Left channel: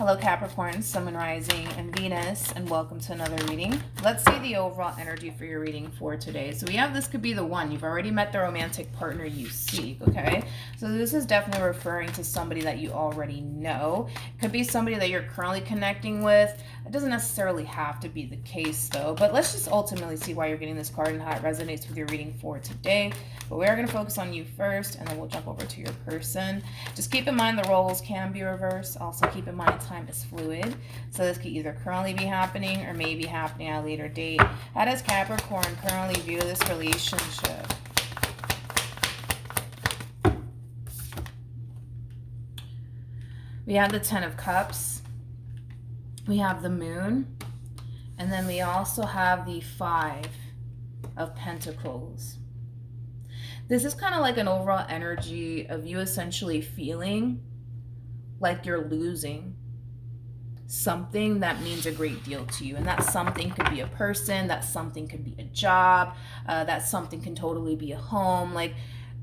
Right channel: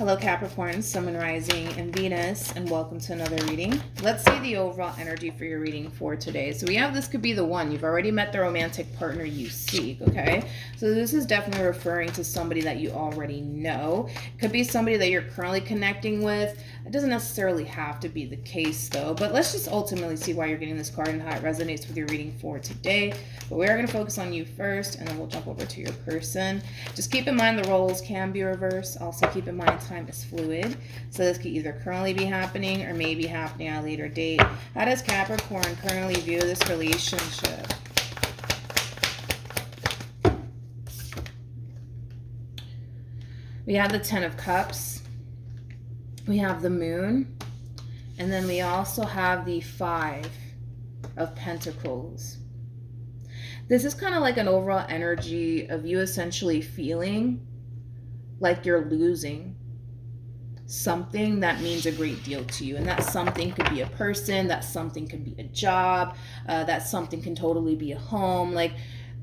Hello Capricorn, Sun, Moon, Rising, and Venus, and welcome to another reading. Let's see the overall energy for your reading for today. So we have this could be the one. You've already met the romantic partner you seek, okay? So this is definitely referring to somebody that you already know. It could be somebody that you're currently connecting with. It doesn't necessarily have to be the case though, but let's just ultimately see why you're getting this card and how it resonates with your reading for today. But we are going to focus on you first, and then we'll jump over to your person. Just keep in mind the roles can be reversed. Also keep in mind time is fluid. So this could either currently be happening or may be happening at a later date. How does Capricorn currently view this relationship? We have the Ten of Cups. We have the Moon. And then we also have the Five of Pentacles. This is kind of like an overall energy of you essentially feeling like you're losing something that means a great deal to you. And that something could be a person, that something could be a job, that something can totally be a home. Like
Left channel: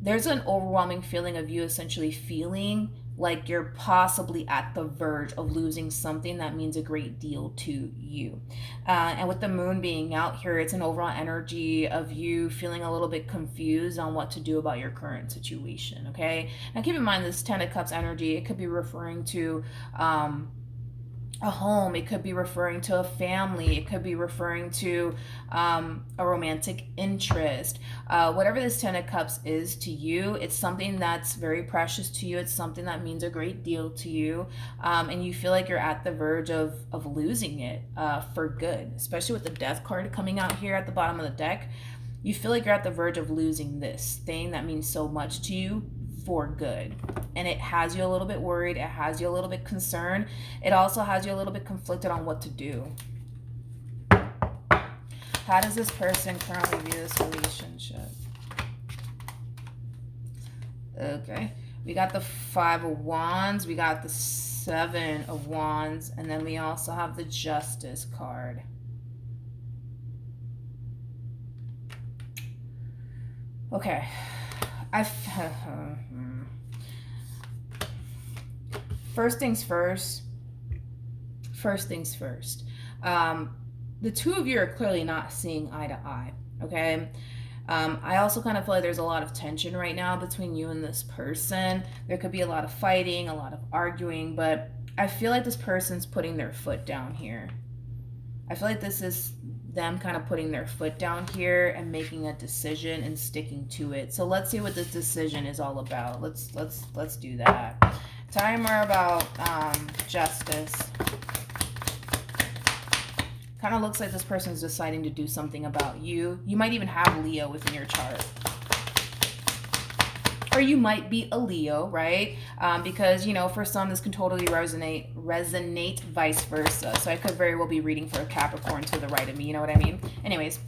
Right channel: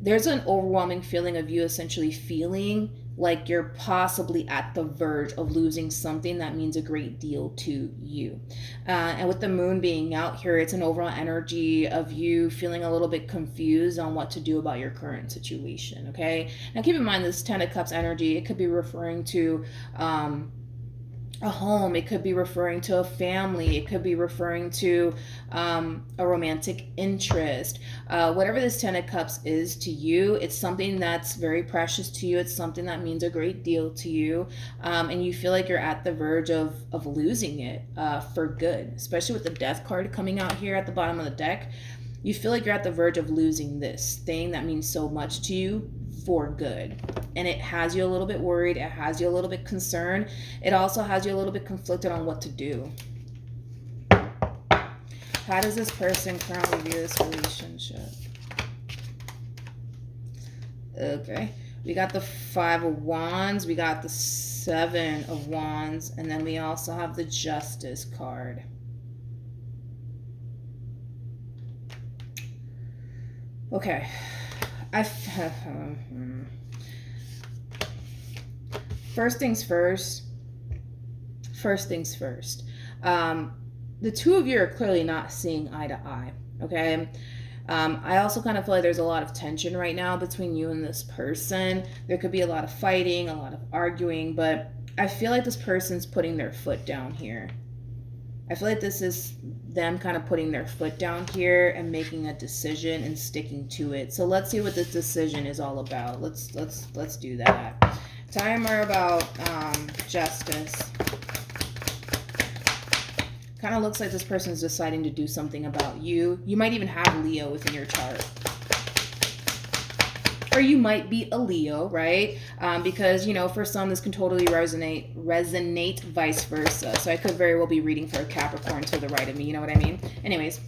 there's an overwhelming feeling of you essentially feeling like you're possibly at the verge of losing something that means a great deal to you. And with the Moon being out here, it's an overall energy of you feeling a little bit confused on what to do about your current situation, okay? Now keep in mind this Ten of Cups energy, it could be referring to a home, it could be referring to a family, it could be referring to a romantic interest. Whatever this Ten of Cups is to you, it's something that's very precious to you. It's something that means a great deal to you, and you feel like you're at the verge of losing it for good, especially with the Death card coming out here at the bottom of the deck. You feel like you're at the verge of losing this thing that means so much to you for good. And it has you a little bit worried. It has you a little bit concerned. It also has you a little bit conflicted on what to do. How does this person currently view this relationship? Okay. We got the Five of Wands. We got the Seven of Wands. And then we also have the Justice card. Okay. First things first. The two of you are clearly not seeing eye to eye, okay? I also kind of feel like there's a lot of tension right now between you and this person. There could be a lot of fighting, a lot of arguing, but I feel like this person's putting their foot down here. I feel like this is them kind of putting their foot down here and making a decision and sticking to it. So let's see what this decision is all about. Let's do that. Tell me more about Justice. Kind of looks like this person's deciding to do something about you. You might even have Leo within your chart. Or you might be a Leo, right? Because, you know, for some, this can totally resonate vice versa. So I could very well be reading for a Capricorn to the right of me, you know what I mean? Anyways,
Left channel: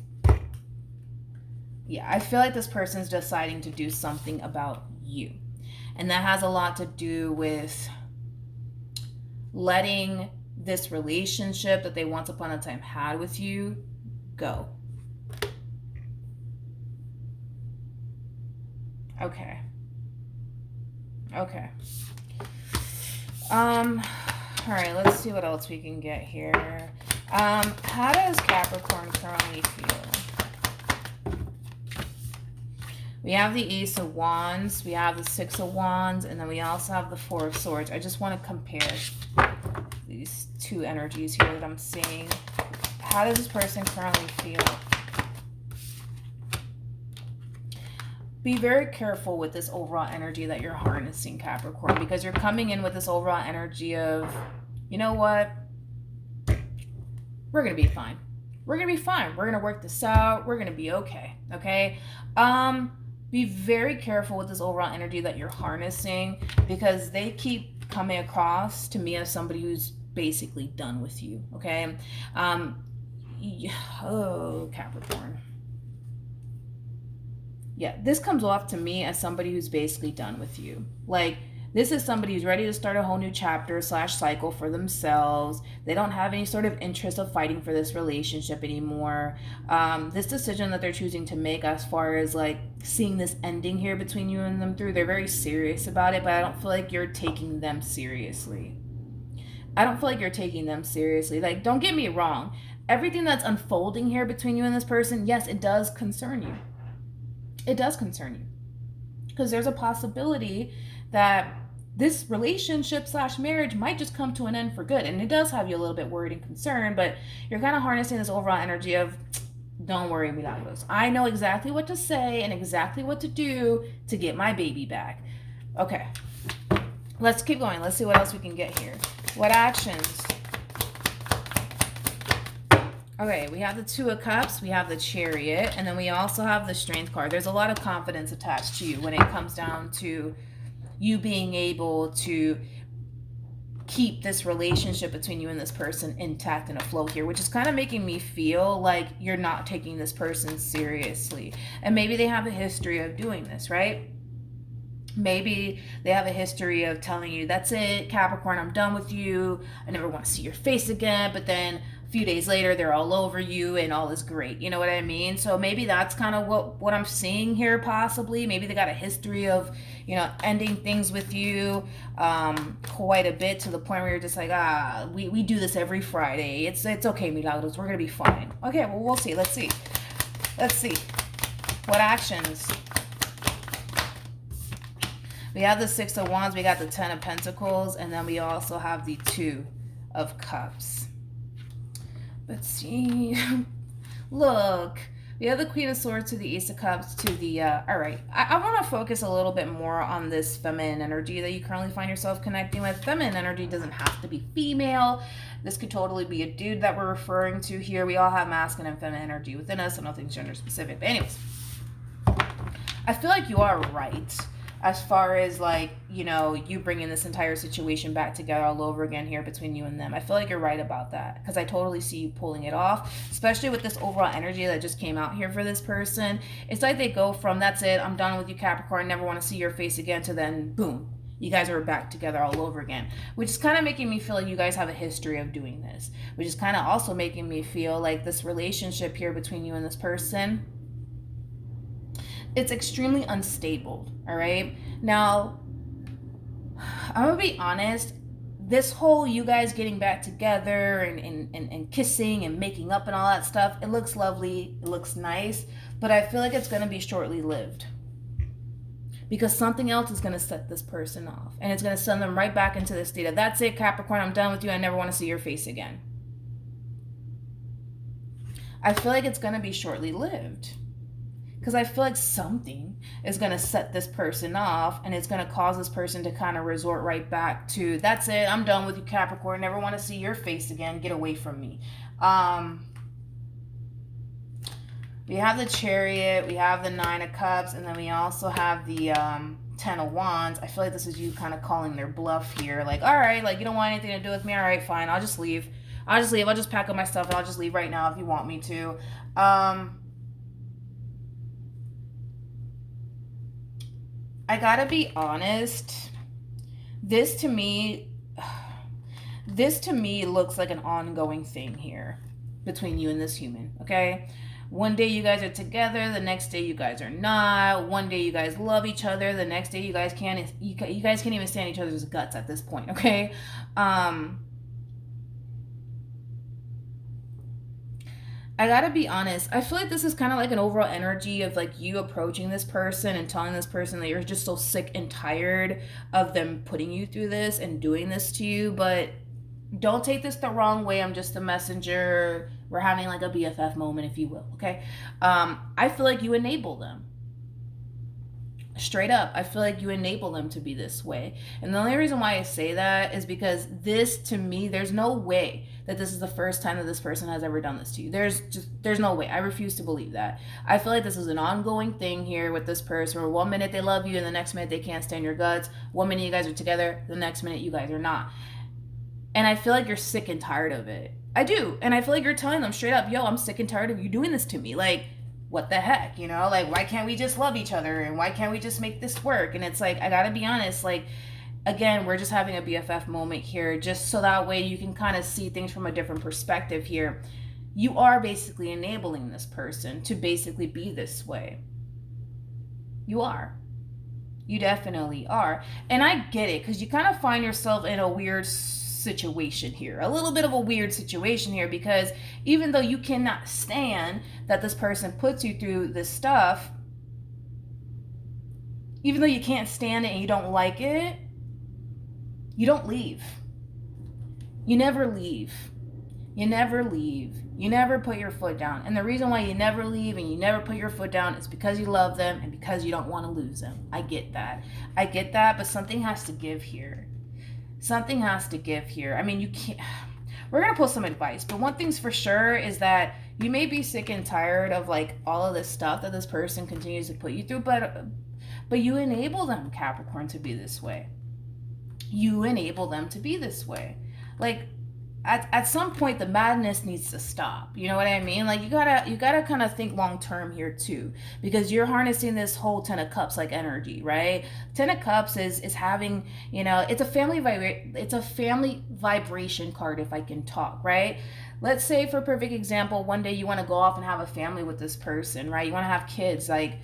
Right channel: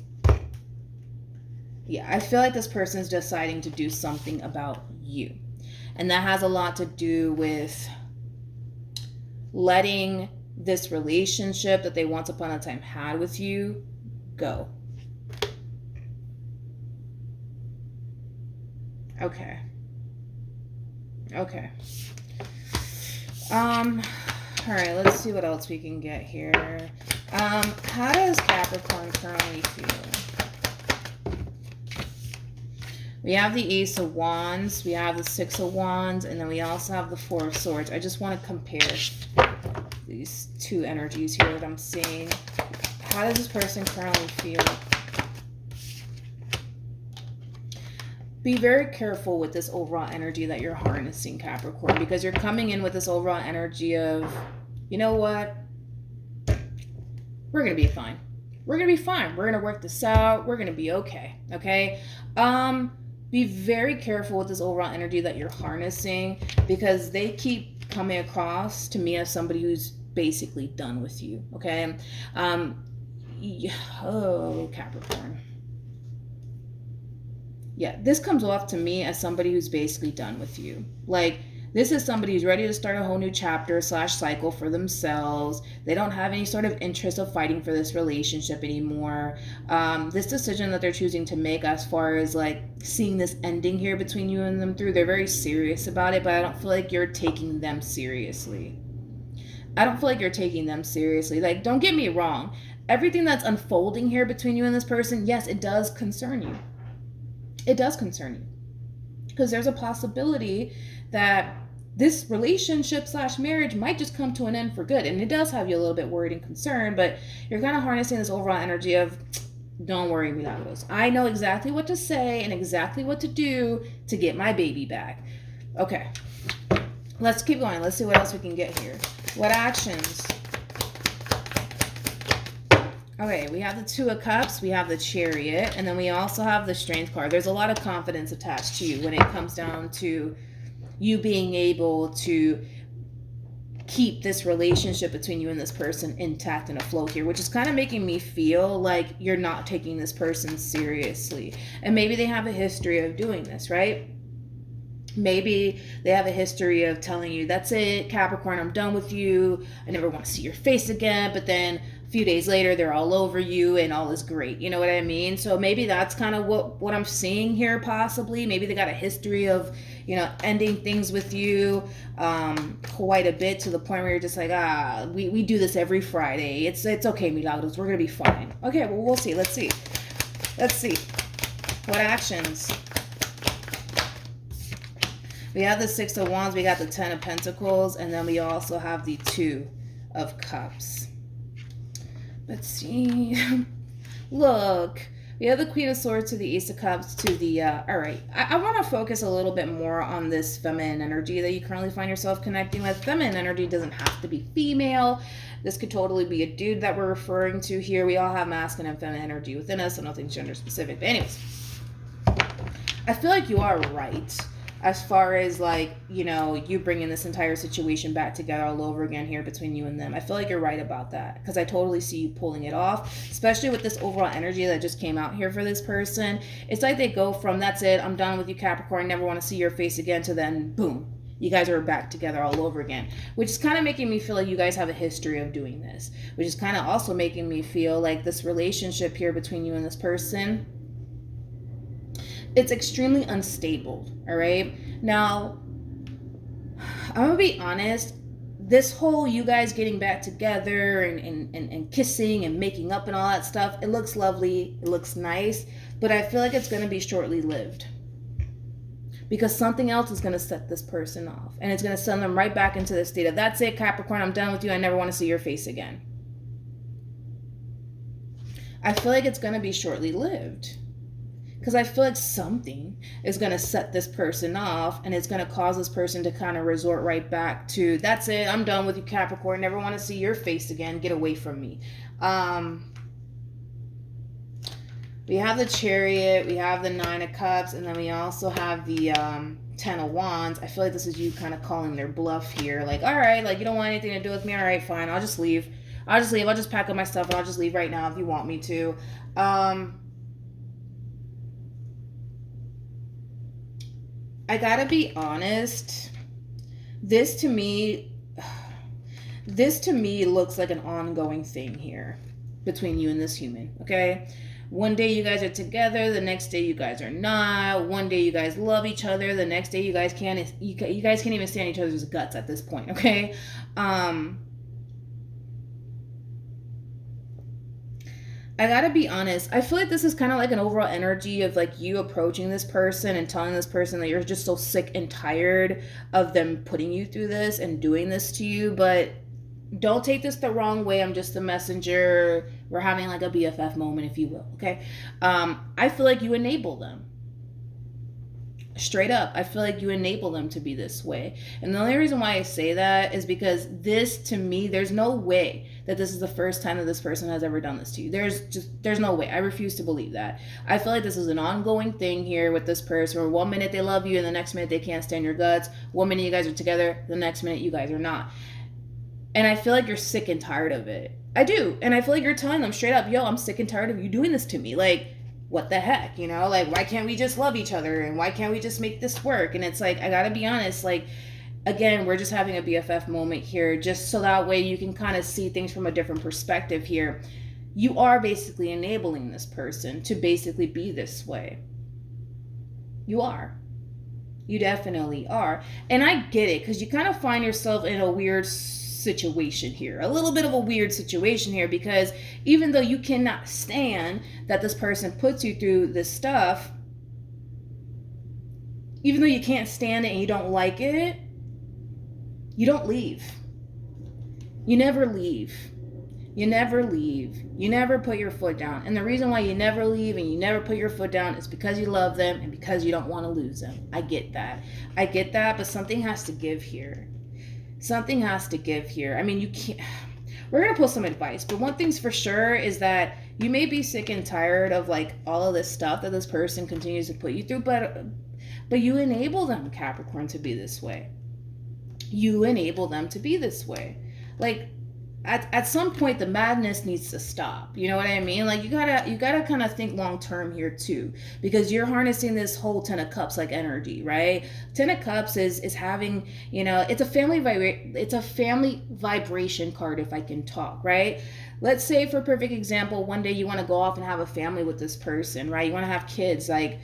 yeah, I feel like this person's deciding to do something about you. And that has a lot to do with letting this relationship that they once upon a time had with you go. Okay. All right, let's see what else we can get here. How does Capricorn currently feel? We have the Ace of Wands, we have the Six of Wands, and then we also have the Four of Swords. I just want to compare these two energies here that I'm seeing. How does this person currently feel? Be very careful with this overall energy that you're harnessing, Capricorn, because you're coming in with this overall energy of, you know what? We're going to be fine. We're going to be fine. We're going to work this out. We're going to be okay. Okay? Be very careful with this overall energy that you're harnessing, because they keep coming across to me as somebody who's basically done with you. Okay? Oh, Capricorn. Yeah, this comes off to me as somebody who's basically done with you. Like, this is somebody who's ready to start a whole new chapter / cycle for themselves. They don't have any sort of interest of fighting for this relationship anymore. This decision that they're choosing to make as far as like seeing this ending here between you and them through, they're very serious about it, but I don't feel like you're taking them seriously. I don't feel like you're taking them seriously. Like, don't get me wrong. Everything that's unfolding here between you and this person, yes, it does concern you. It does concern you. Because there's a possibility that this relationship / marriage might just come to an end for good. And it does have you a little bit worried and concerned, but you're kind of harnessing this overall energy of, don't worry, Milagros. I know exactly what to say and exactly what to do to get my baby back. Okay. Let's keep going. Let's see what else we can get here. What actions? Okay, we have the Two of Cups, we have the Chariot, and then we also have the Strength card. There's a lot of confidence attached to you when it comes down to you being able to keep this relationship between you and this person intact and afloat here, which is kind of making me feel like you're not taking this person seriously. And maybe they have a history of doing this, right? Maybe they have a history of telling you, that's it, Capricorn, I'm done with you. I never want to see your face again. But then a few days later, they're all over you and all is great. You know what I mean? So maybe that's kind of what I'm seeing here, possibly. Maybe they got a history of, ending things with you quite a bit, to the point where you're just like, we do this every Friday. It's okay, Milagros. We're going to be fine. Okay, well, we'll see. Let's see. What actions? We have the Six of Wands, we got the Ten of Pentacles, and then we also have the Two of Cups. Let's see. Look, we have the Queen of Swords to the Ace of Cups to the, all right. I want to focus a little bit more on this feminine energy that you currently find yourself connecting with. Feminine energy doesn't have to be female. This could totally be a dude that we're referring to here. We all have masculine and feminine energy within us, so nothing's gender specific. But anyways, I feel like you are right. As far as you bringing this entire situation back together all over again here between you and them. I feel like you're right about that, because I totally see you pulling it off, especially with this overall energy that just came out here for this person. It's like they go from, that's it, I'm done with you, Capricorn, never want to see your face again, to then, boom, you guys are back together all over again, which is kind of making me feel like you guys have a history of doing this, which is kind of also making me feel like this relationship here between you and this person, it's extremely unstable, all right? Now, I'm going to be honest, this whole you guys getting back together and kissing and making up and all that stuff, it looks lovely, it looks nice, but I feel like it's going to be shortly lived. Because something else is going to set this person off, and it's going to send them right back into the state of, that's it, Capricorn, I'm done with you, I never want to see your face again. I feel like it's going to be shortly lived. Because I feel like something is going to set this person off, and it's going to cause this person to kind of resort right back to, that's it, I'm done with you, Capricorn, never want to see your face again, get away from me. We have the Chariot, we have the Nine of Cups, and then we also have the Ten of Wands. I feel like this is you kind of calling their bluff here. Like, all right, you don't want anything to do with me, all right, fine, I'll just leave. I'll just pack up my stuff, and I'll just leave right now if you want me to. I gotta be honest, this to me looks like an ongoing thing here between you and this human, okay? One day you guys are together, the next day you guys are not. One day you guys love each other, the next day you guys can't even stand each other's guts at this point, okay? I gotta be honest, I feel like this is kind of like an overall energy of you approaching this person and telling this person that you're just so sick and tired of them putting you through this and doing this to you. But don't take this the wrong way, I'm just a messenger. We're having a BFF moment, if you will, okay? I feel like you enable them. Straight up, I feel like you enable them to be this way. And the only reason why I say that is because this, to me, there's no way that this is the first time that this person has ever done this to you. There's no way. I refuse to believe that. I feel like this is an ongoing thing here with this person, where one minute they love you and the next minute they can't stand your guts. One minute you guys are together, the next minute you guys are not. And I feel like you're sick and tired of it. I do. And I feel like you're telling them straight up, yo, I'm sick and tired of you doing this to me. What the heck, why can't we just love each other, and why can't we just make this work? And it's I gotta be honest, again, we're just having a BFF moment here, just so that way you can kind of see things from a different perspective here. You are basically enabling this person to basically be this way. You are. You definitely are. And I get it, because you kind of find yourself in a weird situation here, a little bit of a weird situation here, because even though you cannot stand that this person puts you through this stuff, even though you can't stand it and you don't like it, you don't leave. You never leave. You never leave. You never put your foot down. And the reason why you never leave and you never put your foot down is because you love them and because you don't want to lose them. I get that. I get that, but something has to give here. Something has to give here. I mean, you can't... We're going to put some advice, but one thing's for sure is that you may be sick and tired of like all of this stuff that this person continues to put you through, but you enable them, Capricorn, to be this way. You enable them to be this way. Like, at some point the madness needs to stop. You know what I mean? Like, you gotta kind of think long term here too, because you're harnessing this whole Ten of Cups like energy, right? Ten of Cups is having, you know, it's a family vibration card, if I can talk, right? Let's say, for a perfect example, one day you want to go off and have a family with this person, right? You want to have kids. Like,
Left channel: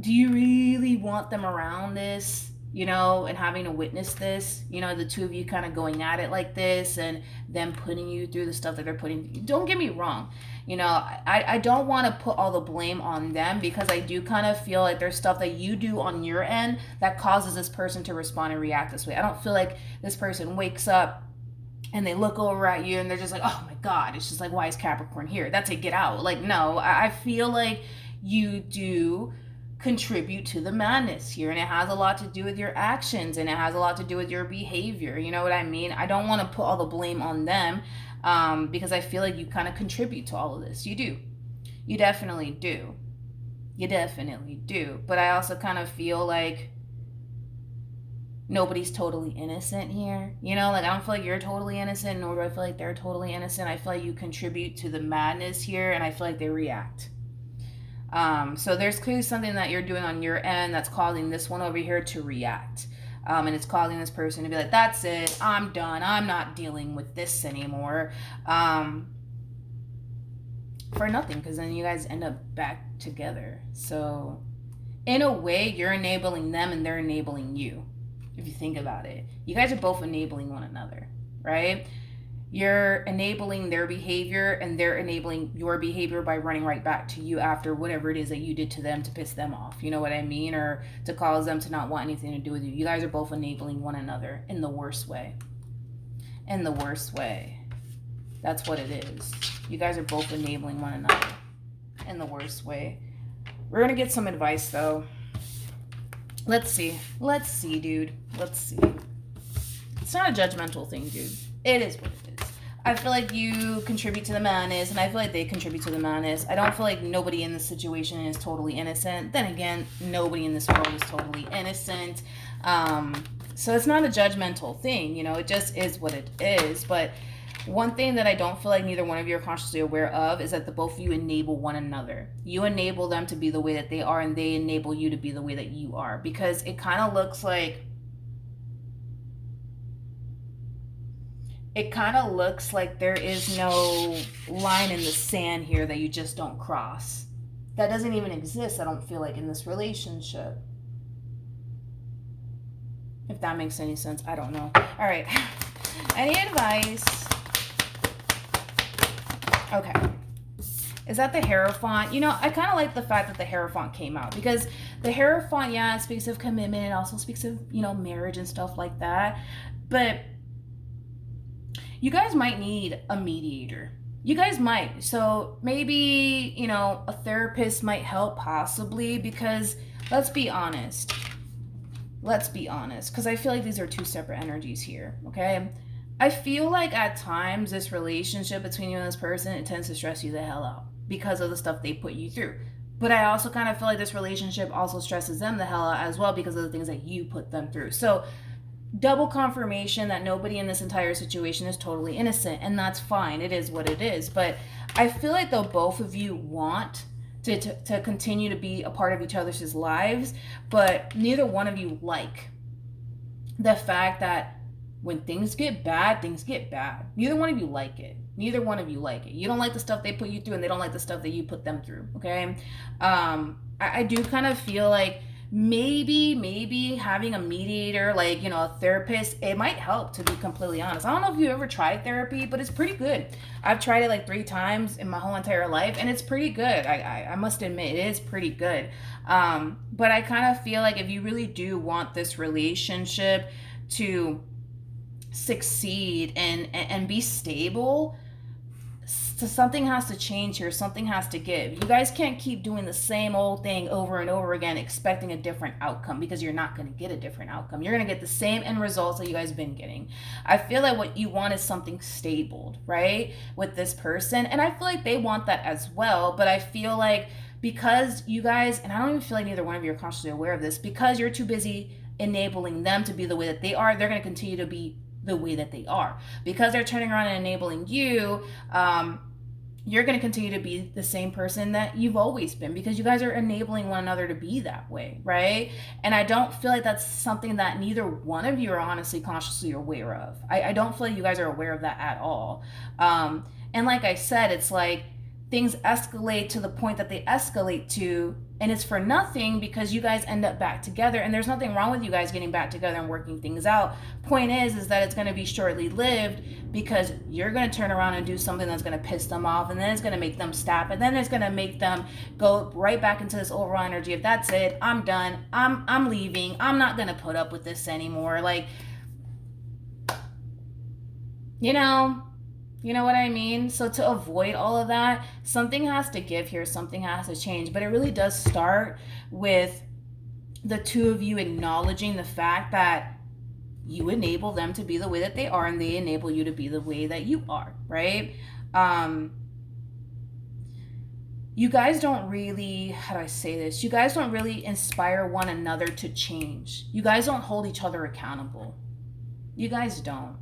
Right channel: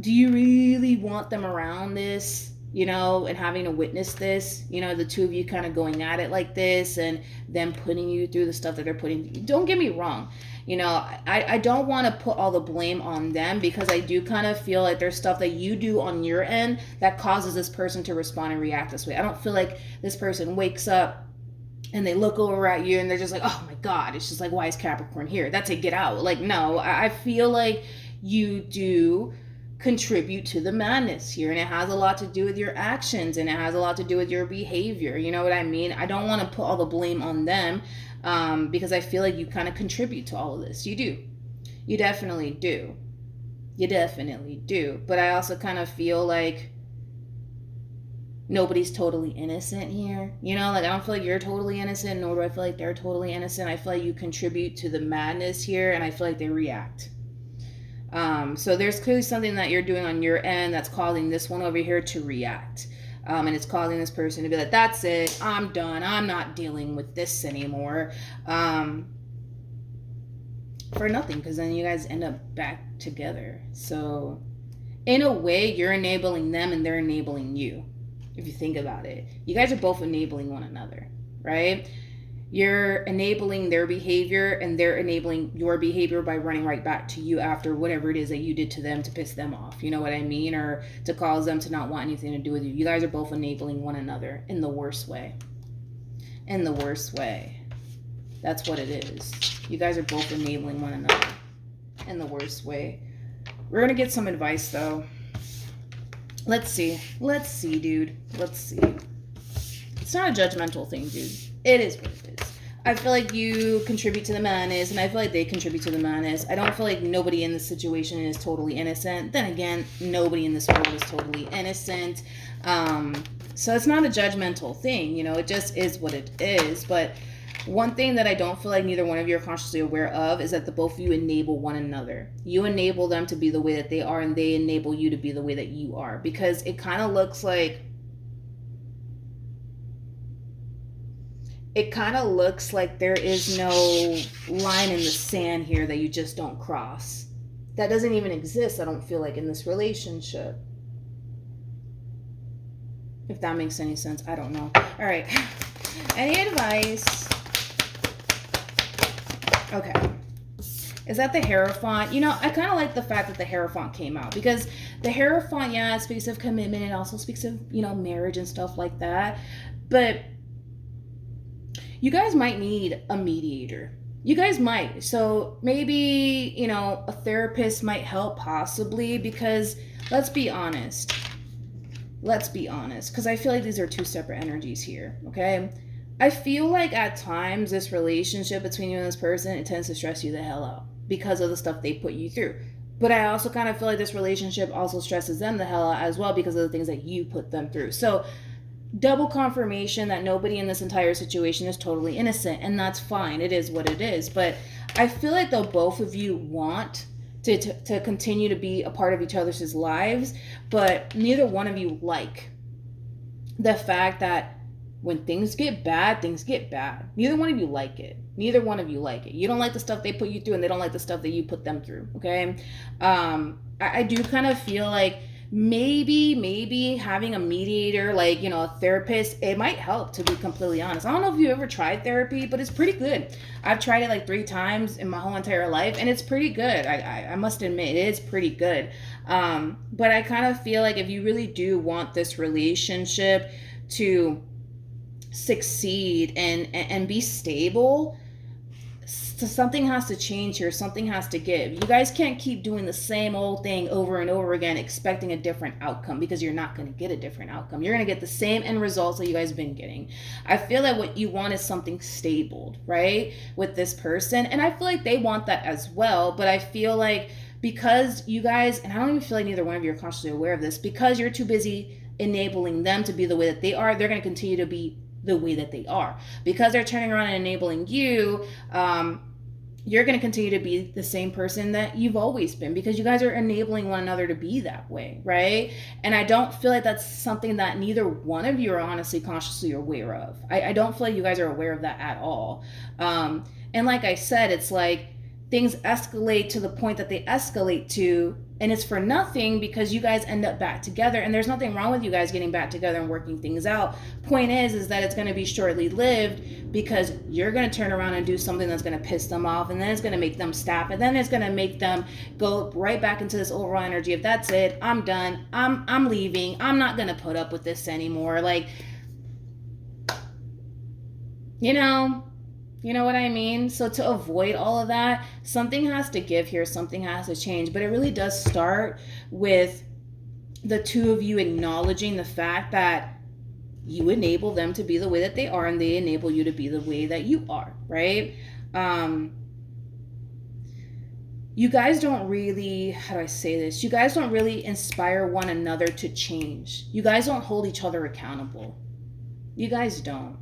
do you really want them around this, you know, and having to witness this, you know, the two of you kind of going at it like this and them putting you through the stuff that they're putting? Don't get me wrong. You know, I don't want to put all the blame on them, because I do kind of feel like there's stuff that you do on your end that causes this person to respond and react this way. I don't feel like this person wakes up and they look over at you and they're just like, oh my God, it's just like, why is Capricorn here? That's a get out. Like, no, I feel like you do contribute to the madness here, and it has a lot to do with your actions, and it has a lot to do with your behavior. You know what I mean? I don't want to put all the blame on them, because I feel like you kind of contribute to all of this. You do. You definitely do. You definitely do. But I also kind of feel like nobody's totally innocent here. You know, like, I don't feel like you're totally innocent, nor do I feel like they're totally innocent. I feel like you contribute to the madness here, and I feel like they react. So there's clearly something that you're doing on your end that's causing this one over here to react. And it's causing this person to be like, that's it, I'm done, I'm not dealing with this anymore. For nothing, because then you guys end up back together. So in a way, you're enabling them and they're enabling you. If you think about it, you guys are both enabling one another, right? You're enabling their behavior and they're enabling your behavior by running right back to you after whatever it is that you did to them to piss them off. You know what I mean? Or to cause them to not want anything to do with you. You guys are both enabling one another in the worst way. In the worst way. That's what it is. You guys are both enabling one another in the worst way. We're going to get some advice, though. Let's see. Let's see, dude. Let's see. It's not a judgmental thing, dude. It is what it is. I feel like you contribute to the madness, and I feel like they contribute to the madness. I don't feel like nobody in this situation is totally innocent. Then again, nobody in this world is totally innocent. So it's not a judgmental thing, you know. It just is what it is. But one thing that I don't feel like neither one of you are consciously aware of is that the both of you enable one another. You enable them to be the way that they are, and they enable you to be the way that you are. Because it kind of looks like there is no line in the sand here that you just don't cross. That doesn't even exist, I don't feel like, in this relationship. If that makes any sense, I don't know. All right. Any advice? Okay. Is that the Hierophant? You know, I kind of like the fact that the Hierophant came out, because the Hierophant, yeah, it speaks of commitment. It also speaks of, you know, marriage and stuff like that. But you guys might need a mediator. You guys might. So maybe, you know, a therapist might help, possibly, because let's be honest. Let's be honest, because I feel like these are two separate energies here, okay? I feel like at times this relationship between you and this person, it tends to stress you the hell out because of the stuff they put you through. But I also kind of feel like this relationship also stresses them the hell out as well because of the things that you put them through. So double confirmation that nobody in this entire situation is totally innocent, and that's fine. It is what it is. But I feel like though both of you want to continue to be a part of each other's lives, but neither one of you like the fact that when things get bad, things get bad. Neither one of you like it. Neither one of you like it. You don't like the stuff they put you through, and they don't like the stuff that you put them through, okay? I do kind of feel like maybe having a mediator, like, you know, a therapist, it might help, to be completely honest. I don't know if you've ever tried therapy, but it's pretty good. I've tried it like 3 times in my whole entire life, and it's pretty good. I must admit, it is pretty good. But I kind of feel like if you really do want this relationship to succeed and be stable, so something has to change here. Something has to give. You guys can't keep doing the same old thing over and over again, expecting a different outcome, because you're not going to get a different outcome. You're going to get the same end results that you guys have been getting. I feel like what you want is something stable, right, with this person. And I feel like they want that as well. But I feel like because you guys, and I don't even feel like neither one of you are consciously aware of this, because you're too busy enabling them to be the way that they are, they're going to continue to be the way that they are. Because they're turning around and enabling you, you're going to continue to be the same person that you've always been, because you guys are enabling one another to be that way, right? And I don't feel like that's something that neither one of you are honestly consciously aware of. I don't feel like you guys are aware of that at all. And like I said, it's like things escalate to the point that they escalate to, and it's for nothing, because you guys end up back together. And there's nothing wrong with you guys getting back together and working things out. Point is that it's going to be shortly lived, because you're going to turn around and do something that's going to piss them off, and then it's going to make them stop, and then it's going to make them go right back into this overall energy of, that's it, I'm done, I'm leaving, I'm not going to put up with this anymore. Like, you know what I mean? So to avoid all of that, something has to give here, something has to change. But it really does start with the two of you acknowledging the fact that you enable them to be the way that they are, and they enable you to be the way that you are, right? You guys don't really, how do I say this? You guys don't really inspire one another to change. You guys don't hold each other accountable. You guys don't.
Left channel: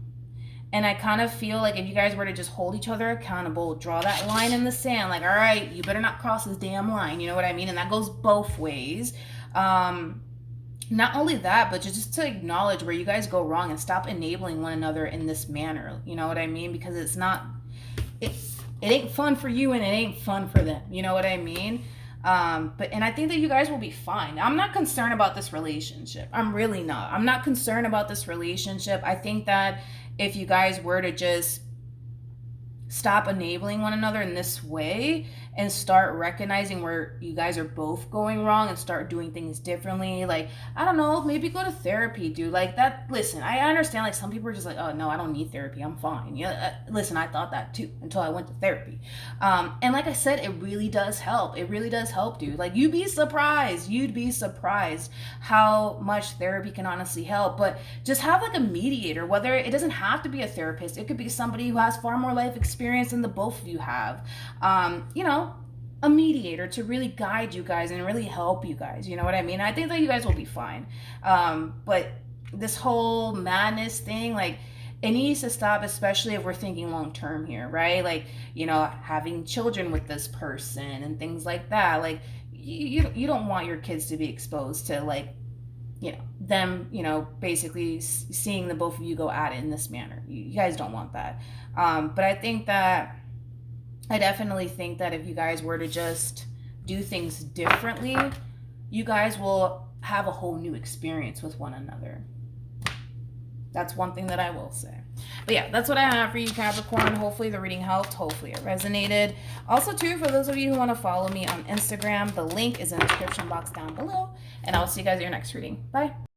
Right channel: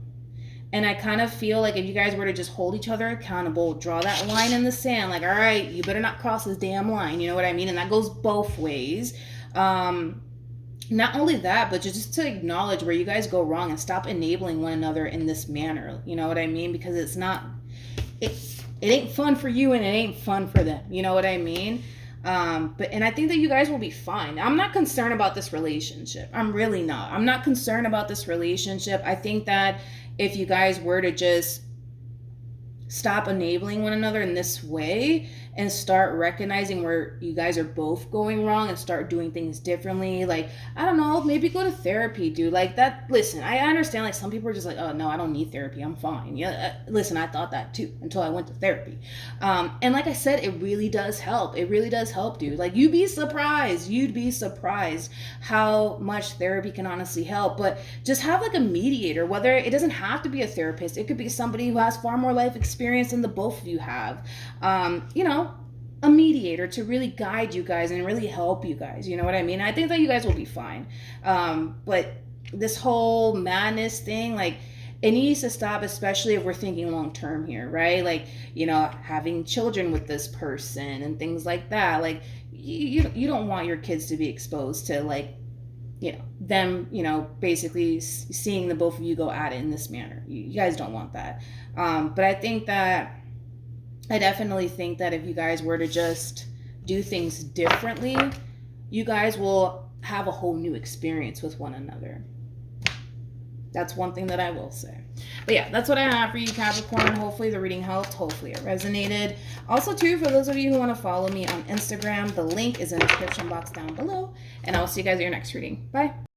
And I kind of feel like if you guys were to just hold each other accountable, draw that line in the sand, like, all right, you better not cross this damn line, you know what I mean? And that goes both ways. Not only that, but just to acknowledge where you guys go wrong and stop enabling one another in this manner, you know what I mean? Because it's not, it ain't fun for you, and it ain't fun for them, you know what I mean? And I think that you guys will be fine. I'm not concerned about this relationship. I'm really not. I'm not concerned about this relationship. I think that if you guys were to just stop enabling one another in this way and start recognizing where you guys are both going wrong and start doing things differently, like, I don't know, maybe go to therapy, dude. Like that, listen, I understand, like, some people are just like, oh no, I don't need therapy, I'm fine. Yeah, listen, I thought that too until I went to therapy. And like I said, it really does help. It really does help, dude. Like, you'd be surprised how much therapy can honestly help. But just have like a mediator, whether it doesn't have to be a therapist, it could be somebody who has far more life experience than the both of you have. A mediator to really guide you guys and really help you guys, you know what I mean? I think that you guys will be fine. But this whole madness thing, like, it needs to stop, especially if we're thinking long term here, right? Like, having children with this person and things like that. Like, you don't want your kids to be exposed to, like, them, basically seeing the both of you go at it in this manner. You guys don't want that. But I definitely think that if you guys were to just do things differently, you guys will have a whole new experience with one another. That's one thing that I will say. But yeah, that's what I have for you, Capricorn. Hopefully the reading helped. Hopefully it resonated. Also, too, for those of you who want to follow me on Instagram, the link is in the description box down below. And I'll see you guys at your next reading. Bye.